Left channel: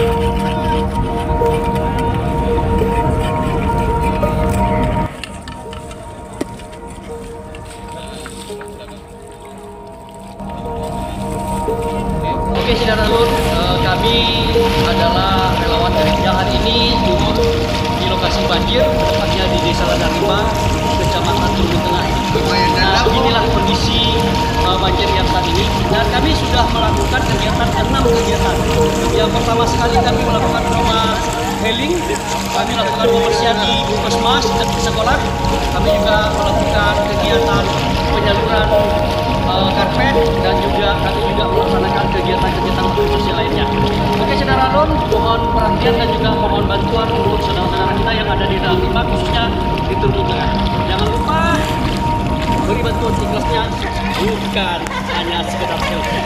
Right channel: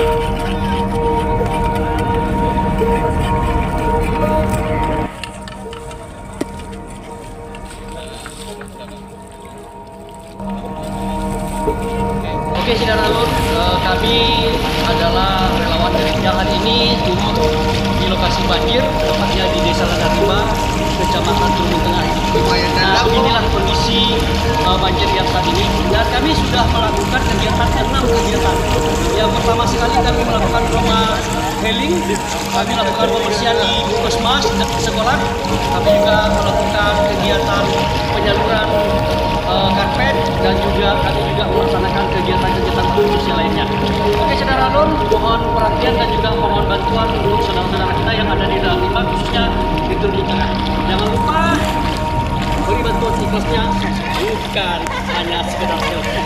Oke, saudara Lun, kami adalah relawan dari yang hari ini turun di lokasi banjir, tepatnya di Desa Ladang-Rimba, Kecamatan Turbin Tengah. Nah, inilah kondisi banjir yang saat ini, dan kami sudah melakukan kegiatan 6 kegiatan. Yang pertama sekali kami melakukan trauma healing, kami melakukan pembersihan di puskesmas sekolah, kami juga melakukan kegiatan penyaluran karpet, dan juga kami juga melaksanakan kegiatan-kegiatan bersih lainnya. Oke, saudara Lun, mohon perhatian dan juga mohon bantuan untuk saudara-saudara kita yang ada di dalam Rimba, khususnya di Turbin Tengah. Jangan lupa beri bantuan ikhlasnya, bukan hanya sekedar selfie.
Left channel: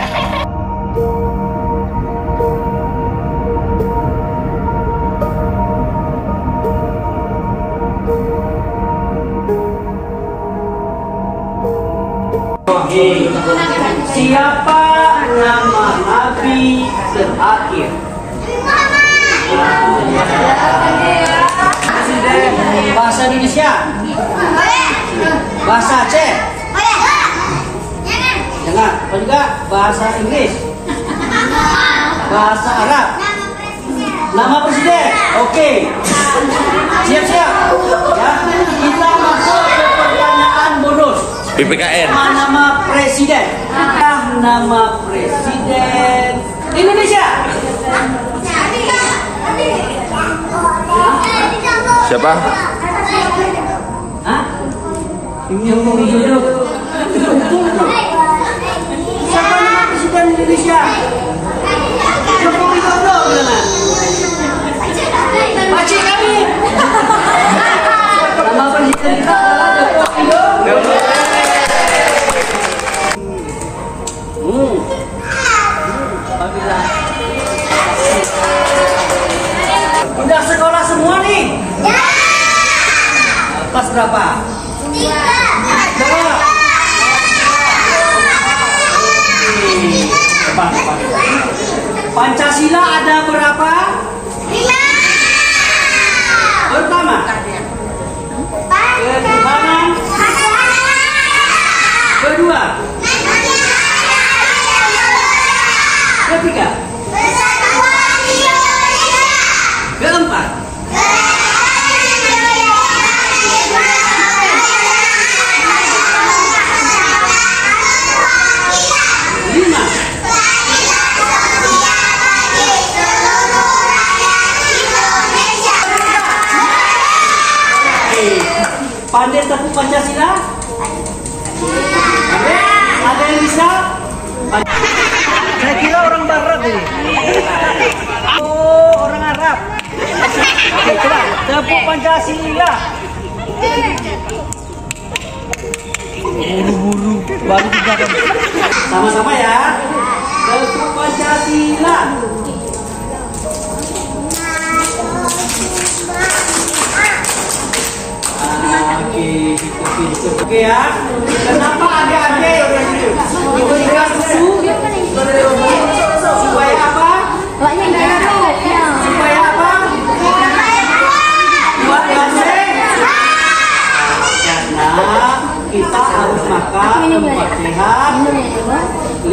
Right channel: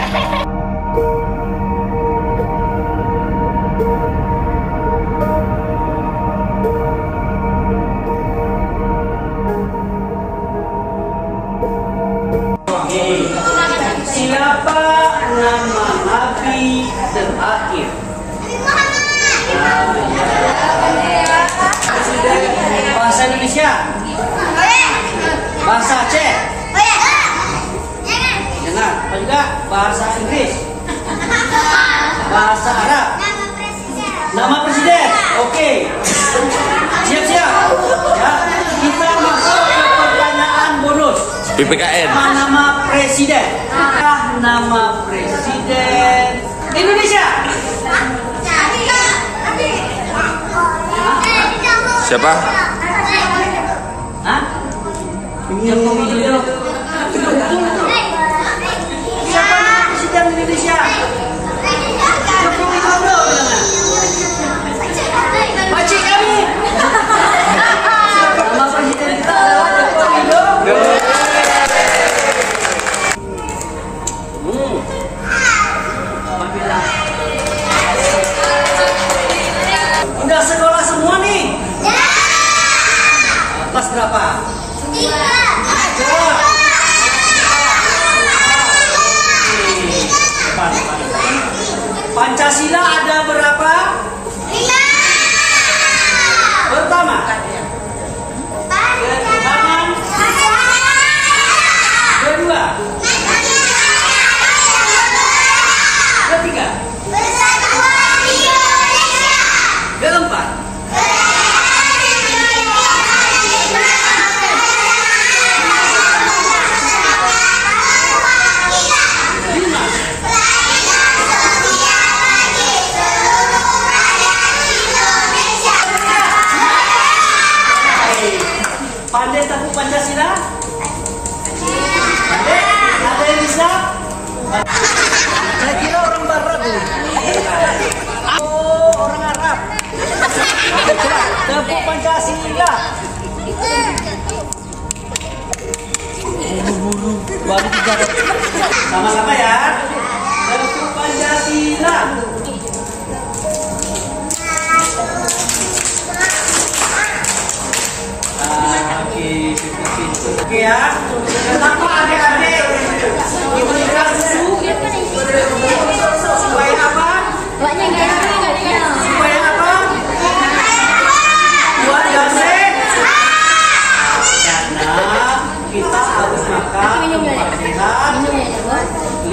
Siapa nama Nabi terakhir? Presiden bahasa Indonesia, bahasa Aceh, dengar, apa juga bahasa Inggris, bahasa Arab, nama presiden. Oke, siap-siap. Ya, kita masuk ke pertanyaan bonus. PPKN. Nama presiden. Nama presiden Indonesia. Siapa? Hah? Joko Widodo. Siapa nama presiden Indonesia? Joko Widodo. Pakcik kami. Nama presiden kita adalah Joko Widodo. Udah sekolah semua nih? Ya. Kelas berapa? 3. Pancasila ada berapa? 5. Pertama. Ketuhanan. Kedua. Ketiga. Keempat. Lima. Pandai tepuk Pancasila? Pandai? Ada yang bisa? Saya kira orang Barat ini. Oh, orang Arab. Oke, coba tepuk Pancasila. Buru-buru baru juga. Sama-sama ya. Tepuk Pancasila. Oke ya. Kenapa adik-adik itu dikasih susu? Supaya apa? Supaya apa? Buat yang karena kita harus makan 4 sehat, 5.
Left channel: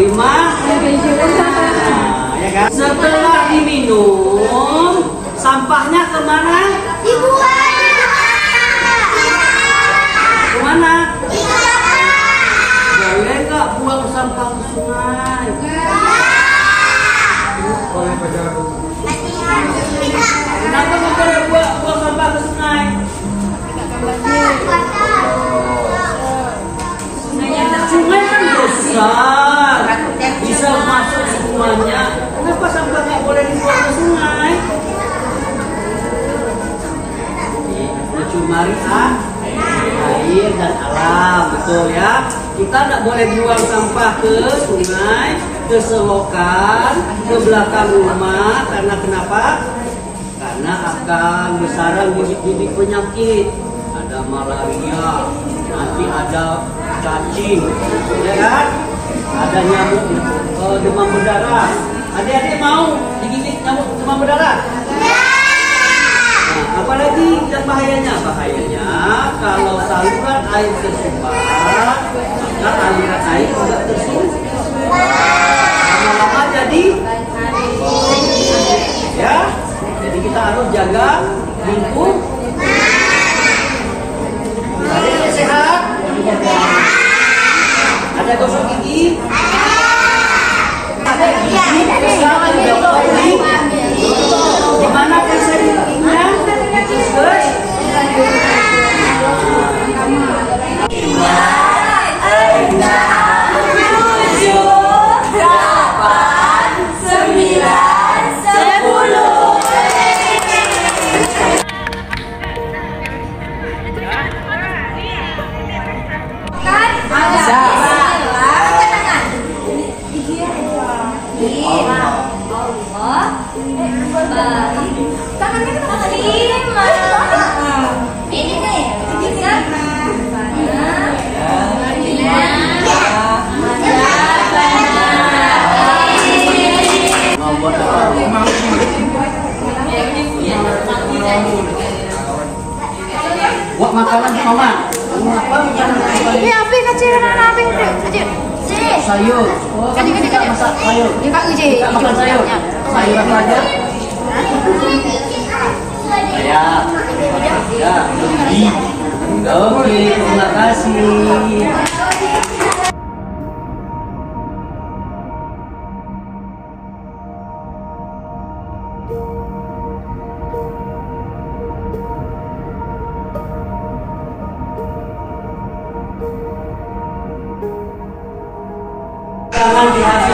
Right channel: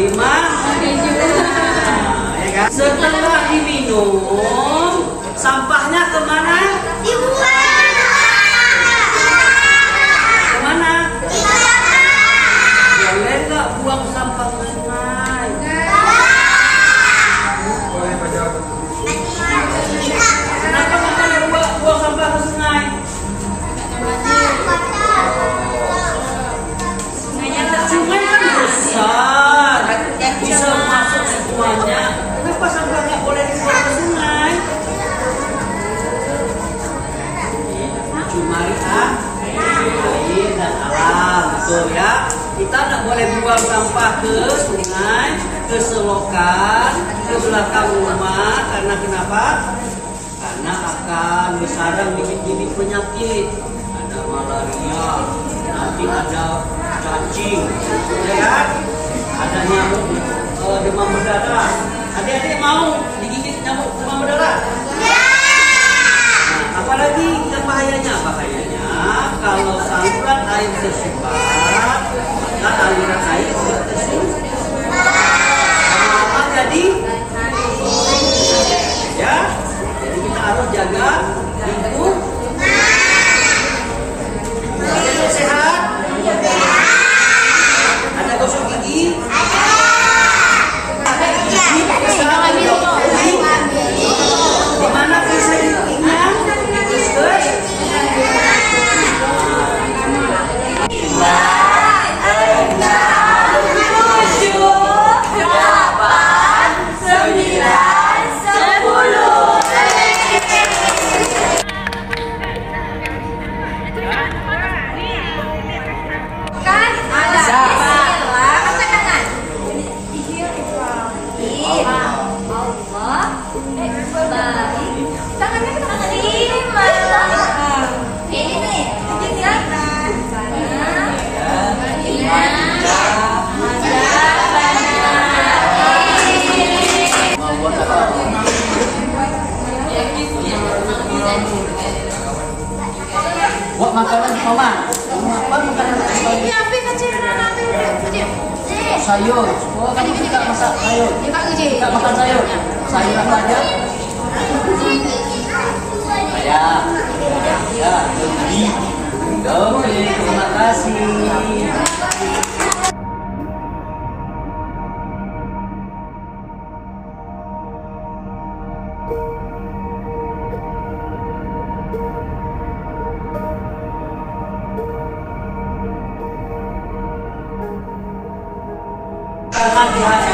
Ya kan? Setelah diminum, sampahnya kemana? Dibuang. Kemana? Boleh nggak buang sampah ke sungai? Kenapa nggak boleh buang sampah ke sungai? Sungai kan besar, bisa masuk semuanya. Kenapa sampah nggak boleh dibuang ke sungai? Cuma air dan alam, betul ya. Kita tidak boleh buang sampah ke sungai, ke selokan, ke belakang rumah. Karena kenapa? Karena akan bersarang bibit-bibit penyakit. Ada malaria, nanti ada cacing, ya kan? Ada nyamuk demam berdarah. Adik-adik mau digigit nyamuk demam berdarah? Apalagi dan bahayanya, kalau saluran air tersumbat dan aliran air tidak tersumbat, lama jadi ya. Jadi kita harus jaga lingkungan. Ada yang sehat? Ada gosok gigi? Ada gigi? Di mana periksa giginya? Terus? Tangannya kita terima. Ini nih, buat makanan mama. Apa makanan? ini apa kecil apa kecil? Sayur. Oh, kamu suka masak sayur? Suka makan sayur? Sayur apa aja? Ayam. Ya, lebih. Oke, terima kasih. Jangan di hati